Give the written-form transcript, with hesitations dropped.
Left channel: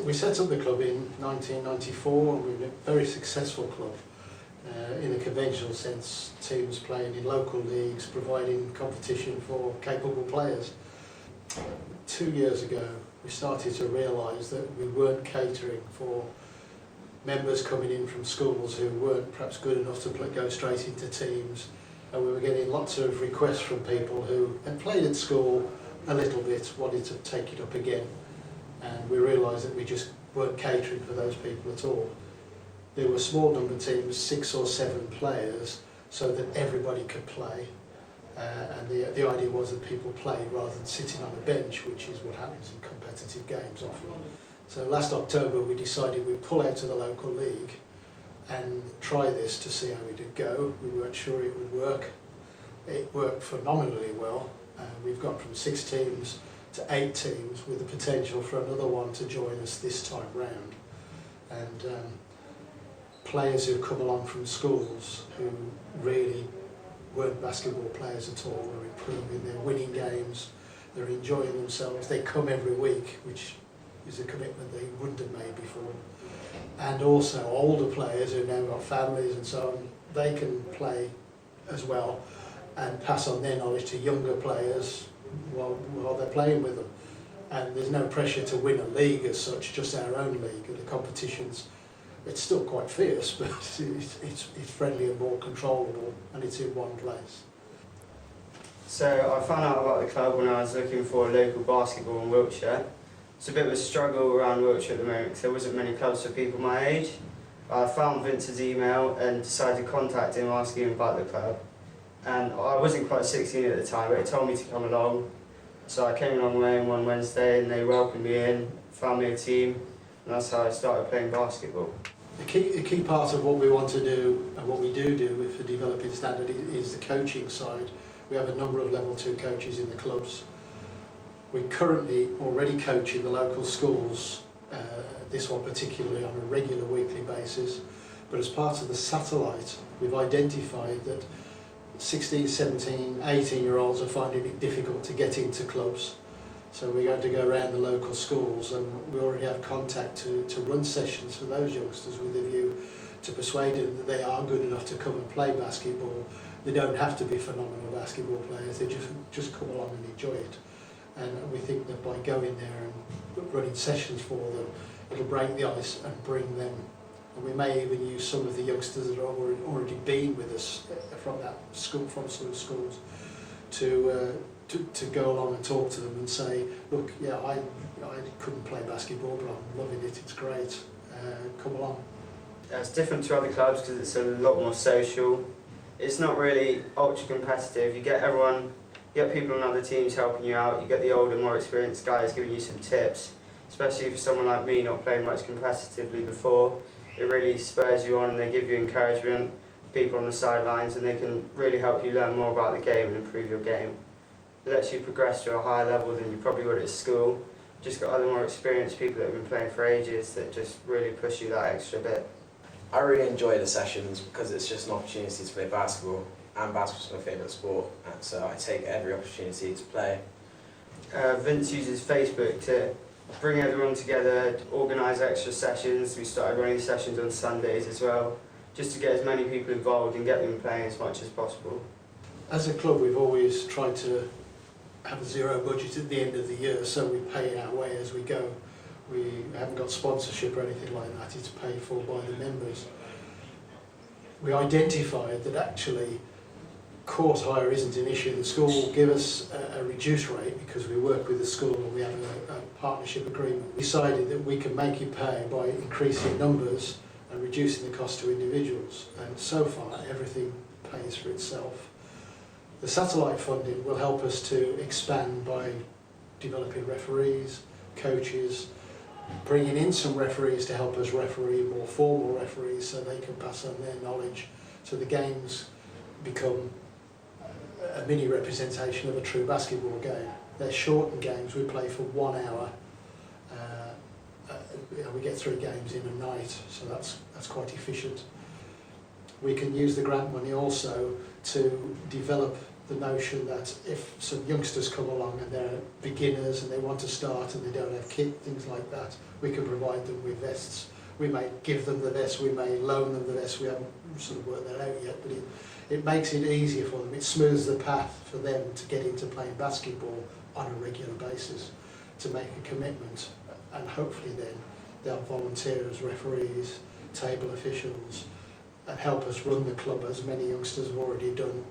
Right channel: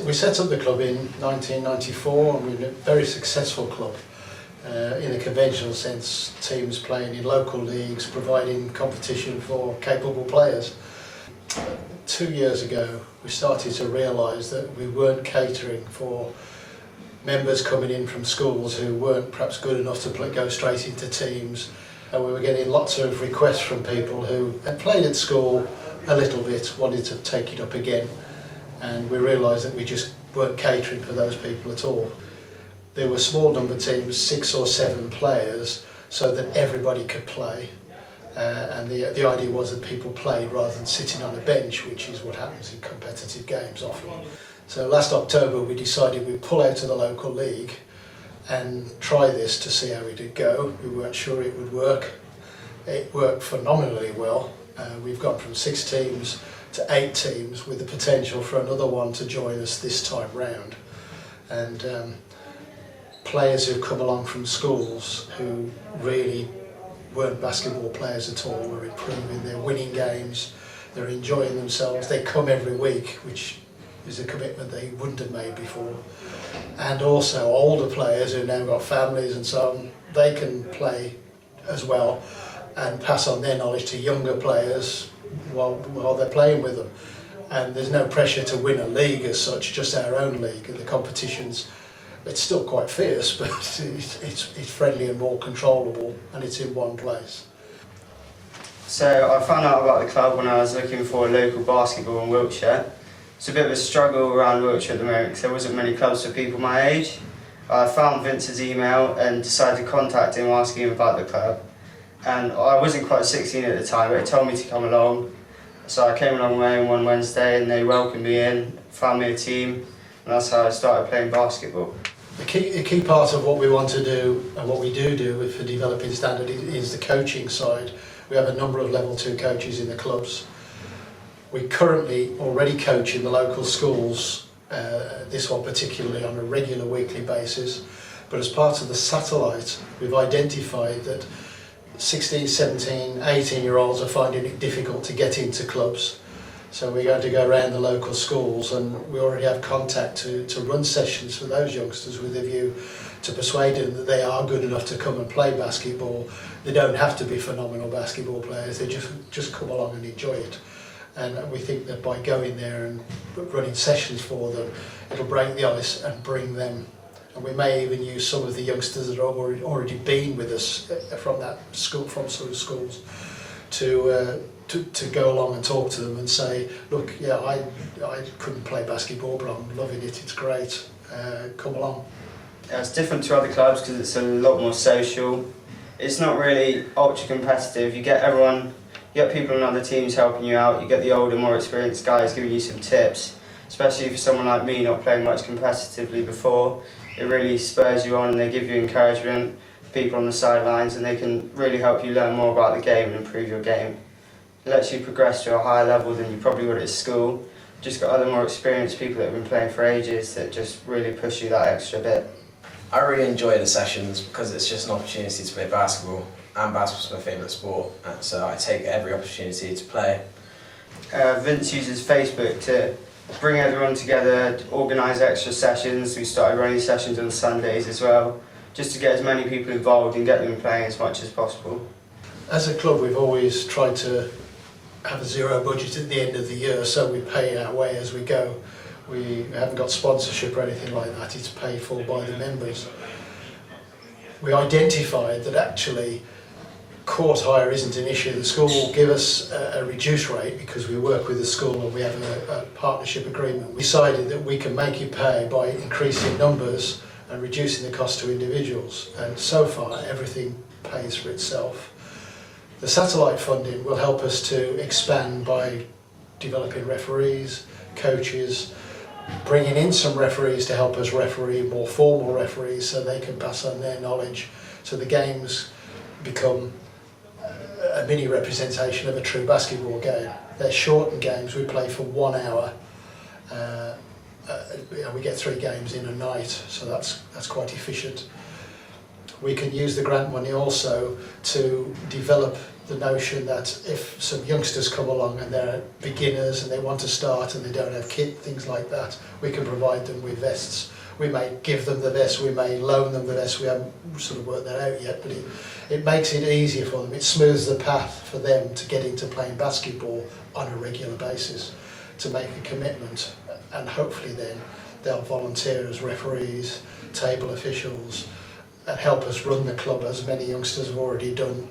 We set up the club in 1994 and we're a very successful club. In a conventional sense, teams playing in local leagues, providing competition for capable players. 2 years ago, we started to realise that we weren't catering for members coming in from schools who weren't perhaps good enough to go straight into teams, and we were getting lots of requests from people who had played at school a little bit, wanted to take it up again, and we realised that we just weren't catering for those people at all. There were small number teams, 6 or 7 players, so that everybody could play. And the idea was that people played rather than sitting on a bench, which is what happens in competitive games often. So last October we decided we'd pull out of the local league and try this to see how it would go. We weren't sure it would work. It worked phenomenally well. We've gone from 6 teams to 8 teams with the potential for another one to join us this time round. And players who've come along from schools who really weren't basketball players at all are improving, they're winning games, they're enjoying themselves, they come every week, which is a commitment they wouldn't have made before. And also older players who've now got families and so on, they can play as well and pass on their knowledge to younger players while they're playing with them. And there's no pressure to win a league as such, just our own league. And the competition's, it's still quite fierce, but it's friendly and more controllable, and it's in one place. So I found out about the club when I was looking for local basketball in Wiltshire. It's a bit of a struggle around Wiltshire at the moment because there wasn't many clubs for people my age. I found Vince's email and decided to contact him asking him about the club. And I wasn't quite 16 at the time, but he told me to come along. So I came along one Wednesday and they welcomed me in, found me a team, and that's how I started playing basketball. A key part of what we want to do and what we do for developing standard is the coaching side. We have a number of level 2 coaches in the clubs. We currently already coach in the local schools, this one particularly on a regular weekly basis, but as part of the satellite we've identified that 16, 17, 18-year-olds are finding it difficult to get into clubs. So we're going to go around the local schools and we already have contact to run sessions for those youngsters with a view to persuade them that they are good enough to come and play basketball. They don't have to be phenomenal basketball players, they just come along and enjoy it. And we think that by going there and running sessions for them, it'll break the ice and bring them. And we may even use some of the youngsters that have already been with us from that school, from sort of schools, to go along and talk to them and say, look, yeah, I couldn't play basketball, but I'm loving it, it's great, come along. Yeah, it's different to other clubs because it's a lot more social. It's not really ultra competitive. You get people on other teams helping you out, you get the older, more experienced guys giving you some tips, especially for someone like me not playing much competitively before. It really spurs you on and they give you encouragement, people on the sidelines, and they can really help you learn more about the game and improve your game. It lets you progress to a higher level than you probably would at school. Just got other more experienced people that have been playing for ages that just really push you that extra bit. I really enjoy the sessions because it's just an opportunity to play basketball, and basketball's my favourite sport, and so I take every opportunity to play. Vince uses Facebook to bring everyone together, organise extra sessions. We started running sessions on Sundays as well, just to get as many people involved and get them playing as much as possible. As a club, we've always tried to have a zero budget at the end of the year, so we pay our way as we go. We haven't got sponsorship or anything like that, it's paid for by the members. We identified that actually court hire isn't an issue. The school will give us a reduced rate because we work with the school and we have a partnership agreement. We decided that we can make it pay by increasing numbers and reducing the cost to individuals, and so far everything pays for itself. The satellite funding will help us to expand by developing referees, coaches, bringing in some referees to help us referee, more formal referees, so they can pass on their knowledge, so the games become a mini representation of a true basketball game. They're shortened games, we play for 1 hour. We get 3 games in a night, so that's quite efficient. We can use the grant money also to develop the notion that if some youngsters come along and they're beginners and they want to start and they don't have kit, things like that, we can provide them with vests. We may give them the vest, we may loan them the vest, we haven't sort of worked that out yet, but it makes it easier for them. It smooths the path for them to get into playing basketball on a regular basis, to make a commitment, and hopefully then they'll volunteer as referees, table officials, and help us run the club, as many youngsters have already done